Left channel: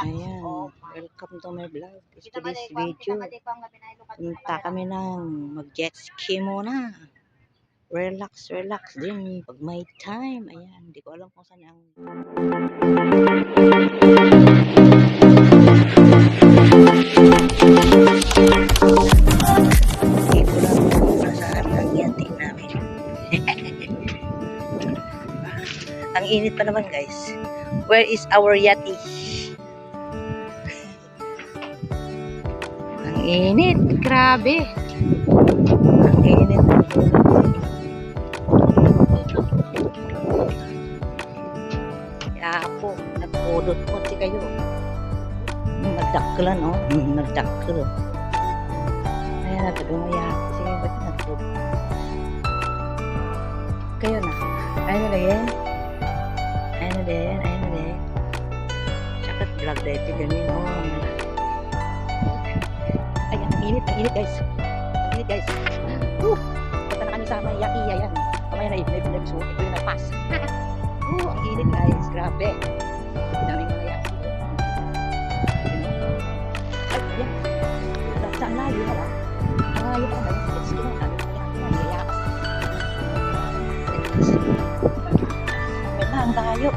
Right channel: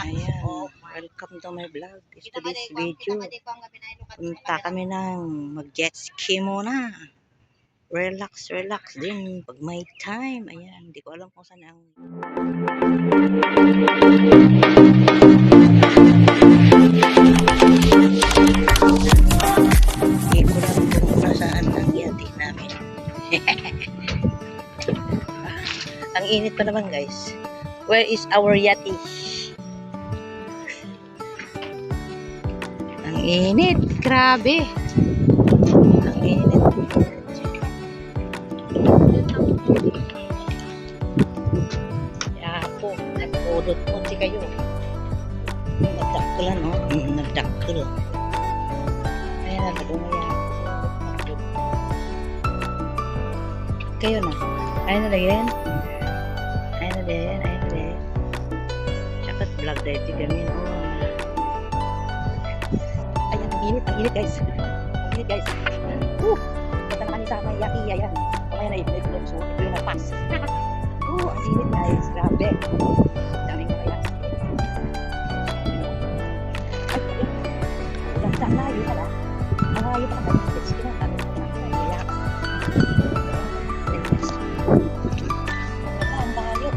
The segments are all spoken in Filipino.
Ayan, welcome to my vlog. Today's video. Punta kami ng mag-jet ski muna. Relax din pag may time. Ayan, hindi ko alam kung saan ang... Hindi ko lang kung nasaan ang yati namin. Ang init pa naman guys. Where is our yati? Ang init, grabe. Ang init. Kaya po, nagpudot po si kayo. Nagdakkelan, oh. Nagdakkel. Ayan na, dumaya. Ba't nagpudot? Kayo na. Ayan na yan. Ayan na din. Tsaka vlog dahil gamin, oh. Ayan, ang init guys. Ang init guys. Punta na kami sa may yaki, ayan. Kamaya na i-vlog so ito yung nagpas. Ang init guys, grabe. Daming mga yaki. Ay, ayan. Saan layo pala? Ang layo pala guys. Let's go na. Ang yayakas. Ang layo.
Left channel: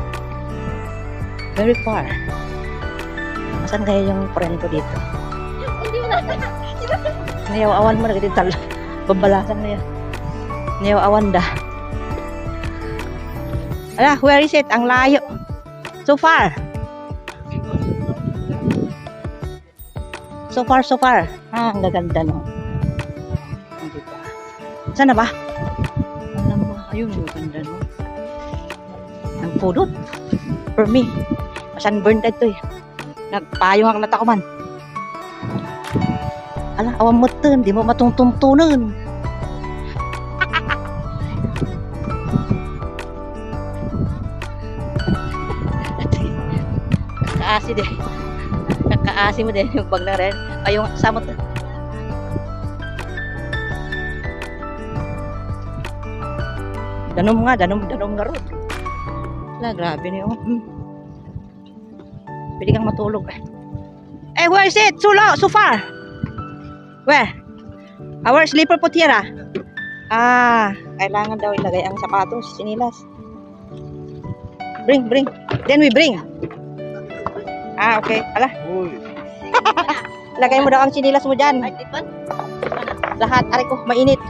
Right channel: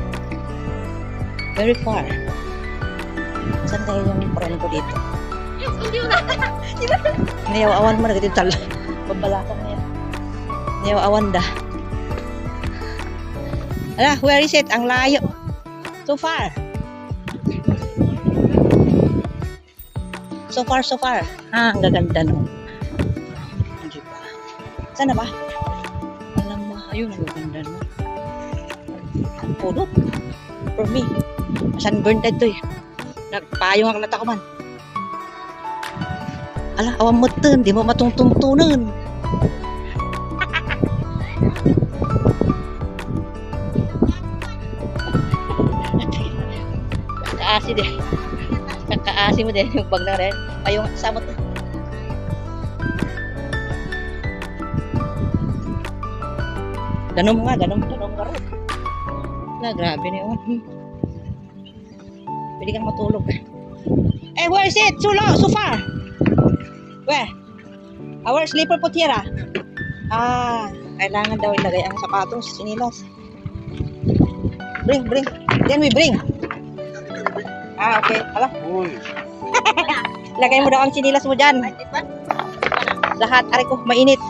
Very far. Saan kayo yung friend ko dito? Niyaw-awan mo na ganito tala. Babalasan na yan. Niyaw-awan da. Ala, where is it? Ang layo. So far. So far. Ang gaganda no. Hindi ba? Saan na ba? Alam mo, ayun, ang gaganda no. Ang pudot. For me. Sunburn tayo eh. Nagpayong ang nata ko man. Ala, awam mo ito, hindi mo matungtungtunan. Kakaasi din. Kakaasi mo din yung bag na rin. Ay, yung kasama ito. Danom nga rin. Ala, grabe niyo. Pwede kang matulog eh. Eh, where is it? So far. Where? Our slipper po tira. Kailangan daw ilagay ang sapatos, sinilas. Bring. Then we bring. Okay. Ala. Lagay mo daw ang sinilas mo dyan. Lahat. Aray ko, mainit.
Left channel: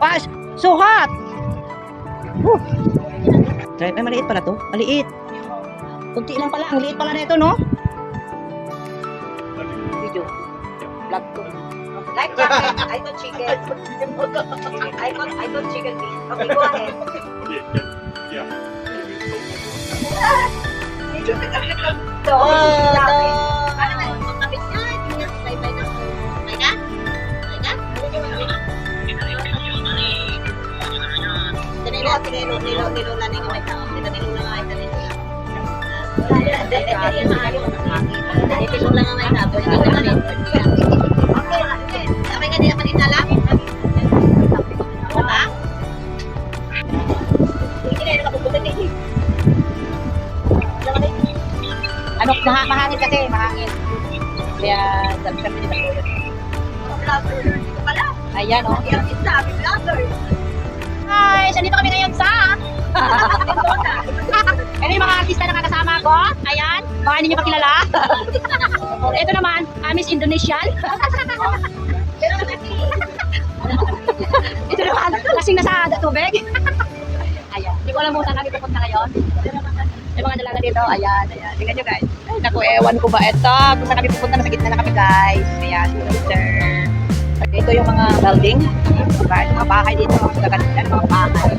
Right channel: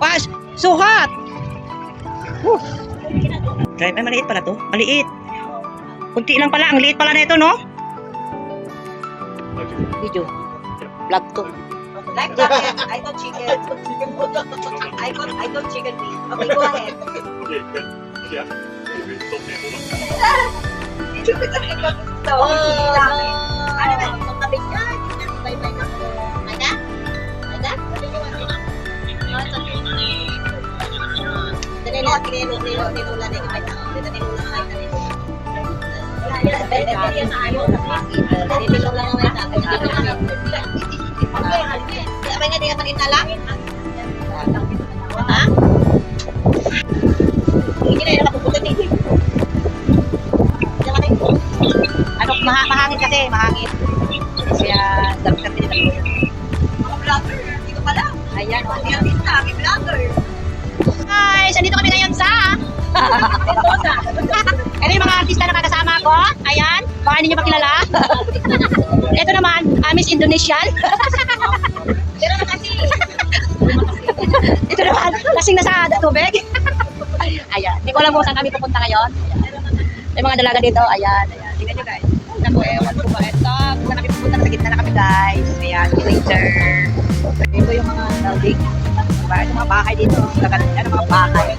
Was, so hot. Drive, ay maliit pala to. Maliit. Kunti lang pala. Ang liit pala na ito, no? Video. Vlog to. Like chicken. I thought chicken. I thought chicken meat. Okay, go ahead. So, ano ba? Pagkabit niya, hindi niya bye-bye na. Maiga? Danilo, nilula na yung may tao. Nilula na may tao. Nilula na may tao. Apa nga dia kanina lang? Apa? Hindi na nakapupunta dito. Ano, mahangin kasi, mahangin. Kaya, sabi nila ko yun. Mga vlogger, hindi ko pala. Ayan, o. Hindi artista, kami vlogger. Guys, andito kami ngayon sa... Ito yung mga artista na kasama ko. Ayan, baka hindi nyo pa kilala. Ito naman, Miss Indonesian. Pero kasi, Ito naman, lasing na sa tubig. Ayan, hindi ko alam kung saan kami pupunta ngayon. May mga dalaga dito. Ayan. Tingnan nyo guys. Ay, naku, ewan ko ba ito. Kung saan kami pupunta, nasa gitna na kami guys. Ayan, later. Ito yung mga building. Diba? Ito mga bahay dito. Gaganda ng mga bahay.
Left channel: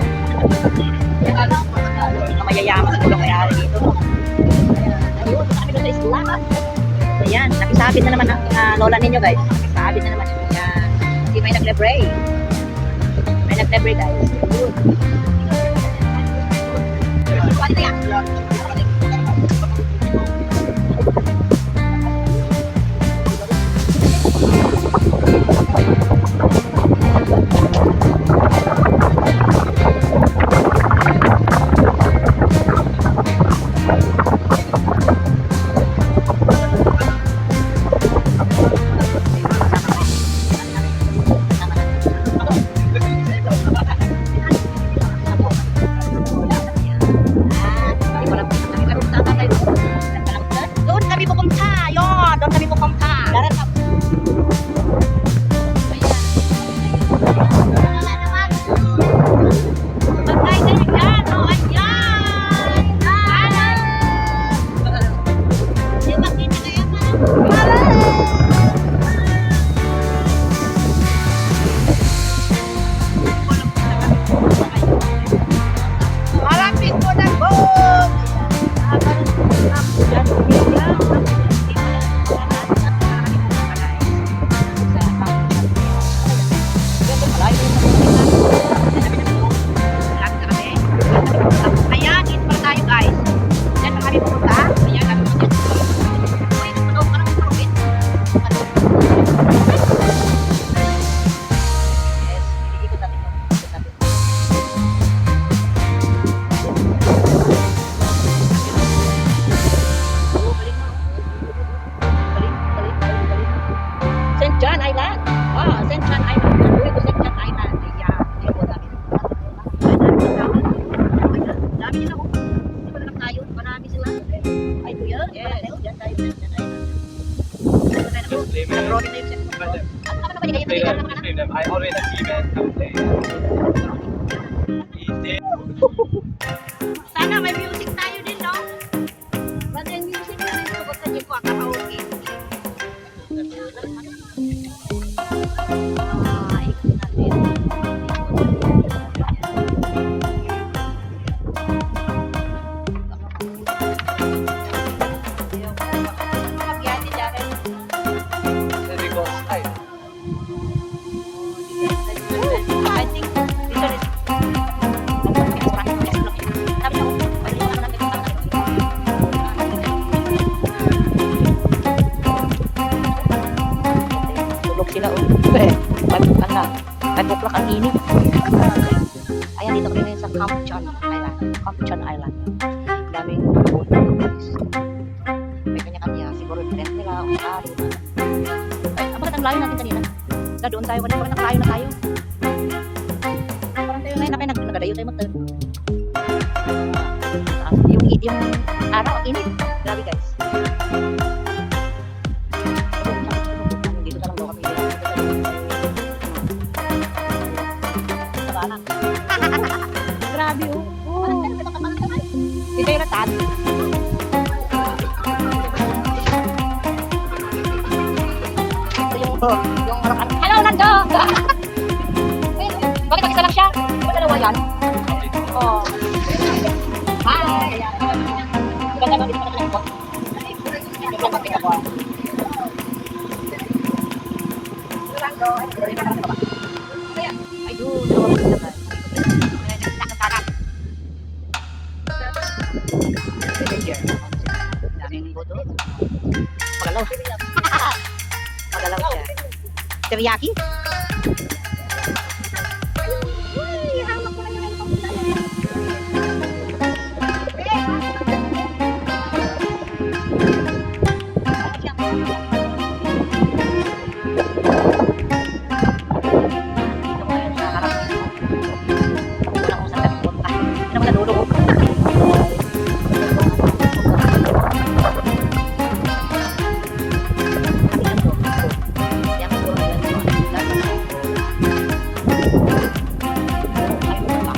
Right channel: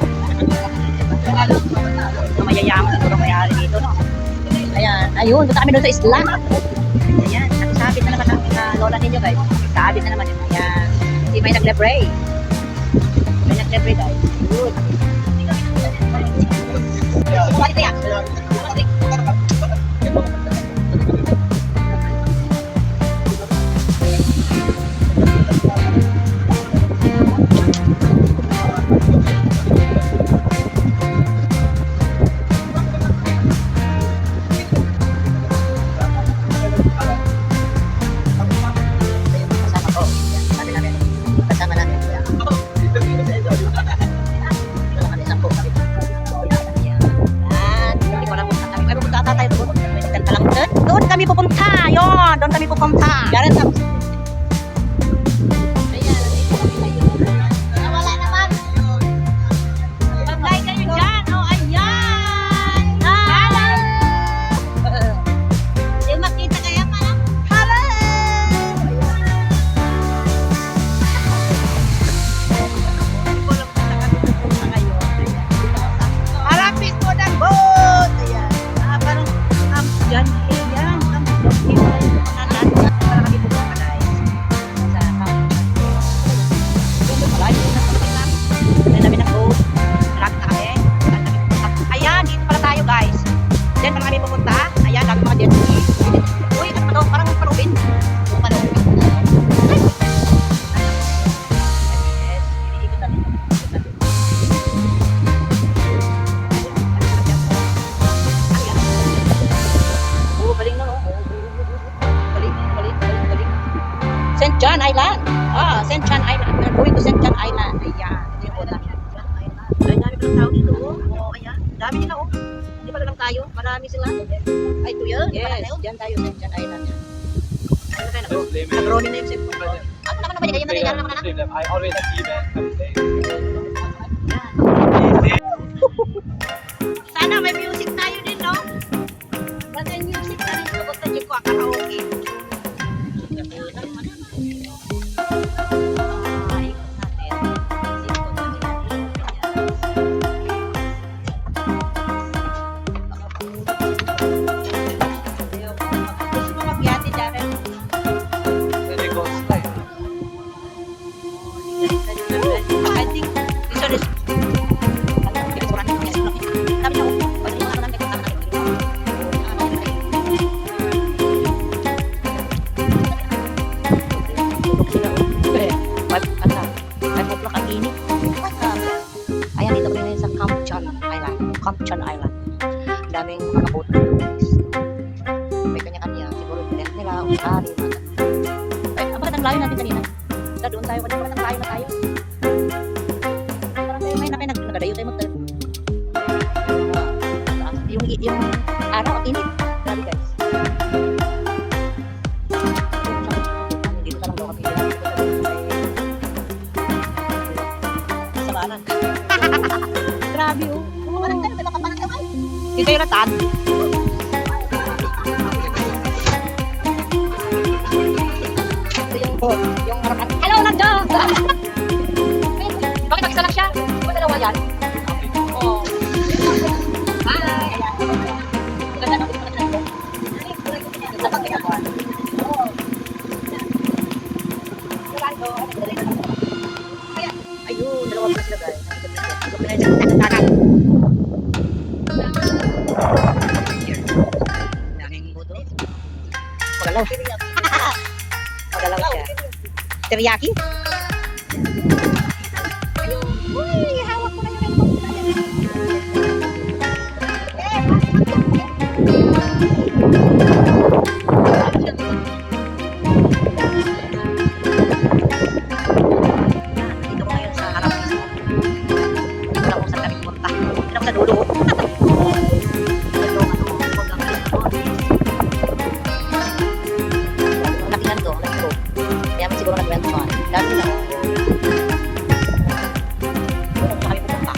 Mga mayayaman siguro mayari dito, no? Ayan. Ayun, punta kami doon sa isla. Ayan, nakisabit na naman ng lola ninyo guys. Nakisabit na naman yun. Ayan. Hindi may naglebre. May naglebre guys. Ayun. Ito yan. kami pupunta. Yon, doon kami pupunta. Garan na. Ayan, nandito kami ngayon. Nawala naman. Magkay kayo dyan. O, ayan. Hello! Di makita kaya pa lang? Hello. Malapit po ng boat. Ayan. Parang up dyan. Hill yan. Up dyan. Hill pala yung pupuntahan. Dyan pala kami pupunta guys. Sa camp. Doon malayo yung naglalapit na. Dyan namin ng boat. Malapit na kami. Ayan. Dito pala tayo guys. Dyan pala kami pupunta. Ayan. Lagi mga jet ski. Uy, ano ba to? Parang parubin. Yes. Iniikot natin yung ikot natin. Oh, galing na, no? Galing, galing, galing, galing. St. John Island. St. John Island. We are going to St. John Island. Ayan. Ito yung boda. Ay, dami ng tao dito. Oh, ayan. Dami nila, oh. Hindi pala lang tayo. Marami sila. Ay, ito yun? Yes, dyan tayo. St. John Island. Ito tayo, nag-rolling na yung cellphone ko. Ano naman naman yung Play ganyan? them, Ano naman play them. I always achieve it. I would say. Sana may music tayo din, no? Ba't yung music na rin ito? Basta di ko karaoke. Ikot natin. Ikot natin. Baka mahulog. Ayoko. Gusto mo magbiyate, Jaren? Very close. Ay, I think this one is sila o'clock ang init. Ayan, dito kami ngayon sa Camp John Island. Camp John Island. Daming mga boat na ito, guys. May kanya-kanya. Siguro tent nila, usari. Ay, bakit ang layo natin kanina? Doon tayo, kanina parang nakalayo na tayo. Parang tayo ngayon, nagadayo tayo mag-turn. Yung araw, ang init. Grabe guys. Dito na lang daw kami. Grabe oh. Dito yung ratan. Yung ratan. Hello, Nando! Bakit mag-isa lang siya? Di ba dalawa yan? Oh. Hi! Ganda lang dito pala ng ayun, dalawa pa sila guys. Daming boto. Magalaw. Magalaw siya. Teriyaki? Uy, hawak ko na yung dito ko ngayon sa harap mismo. Hindi ko lang kung saan kami punta. Hindi ako sa dulo. Nabilan to. Kaya mo siguro nabilan to. Dami na. Dito kami punta.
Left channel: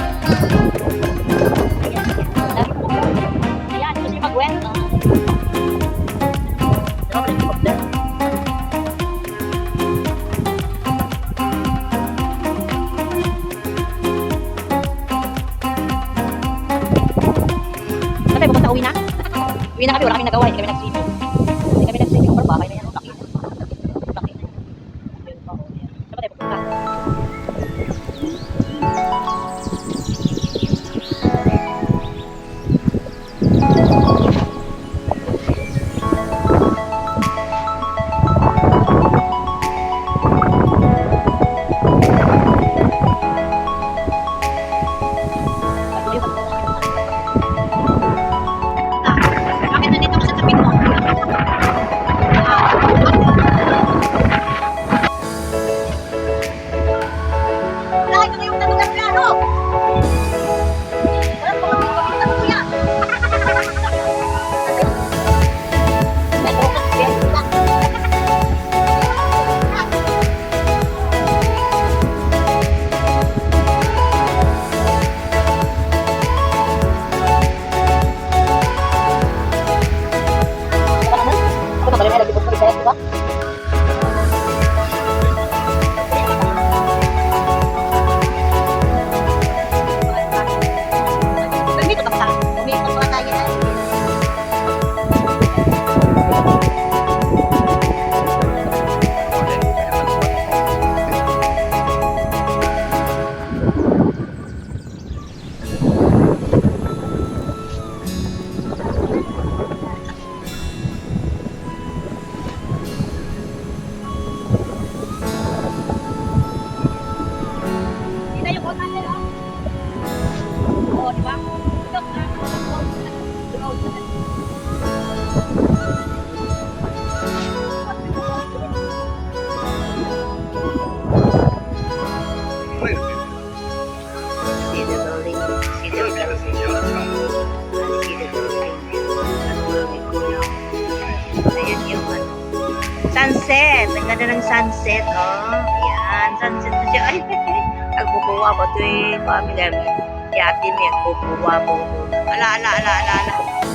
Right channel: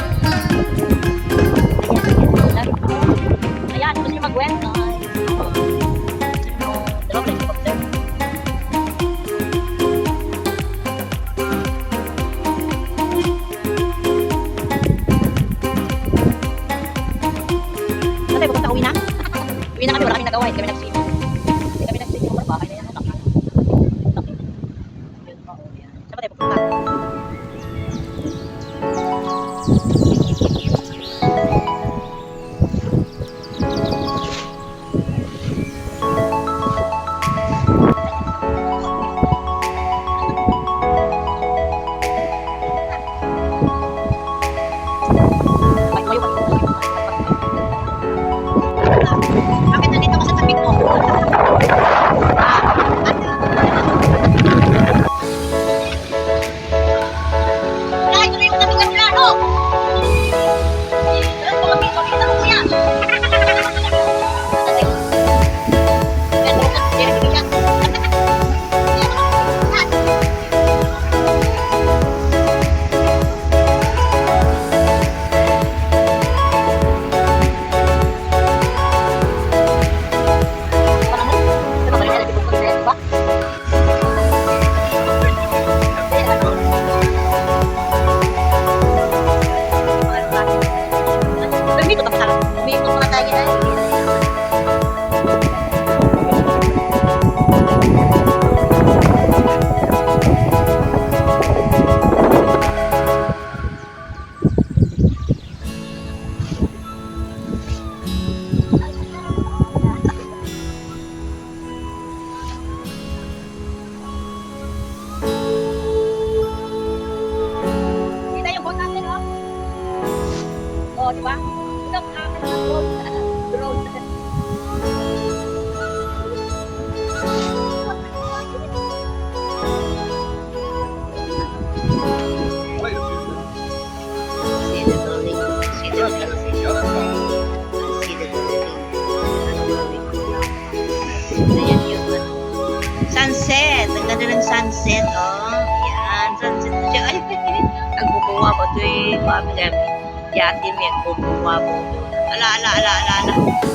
Ayan, gusto niyo mag-went? Dalawa pala yung helicopter. Saan tayo pupunta? Uwi na? Uwi na kami, wala kaming nagawa. Hindi kami nag-swimming. Hindi kami nag-swimming. Ang bahay na yan. Laki. Laki na. Yun pa. Ayan. Saan ba tayo pupunta? Bakit nandito ka sa tabi ko? Ayan yung ano, sunset. Ang ganda ng sunset, oh. Ayan, sunset na siya. Ay, nagbubuwa ba ito yung family namin? Yati mo yan, bubuwa po doon. Ala.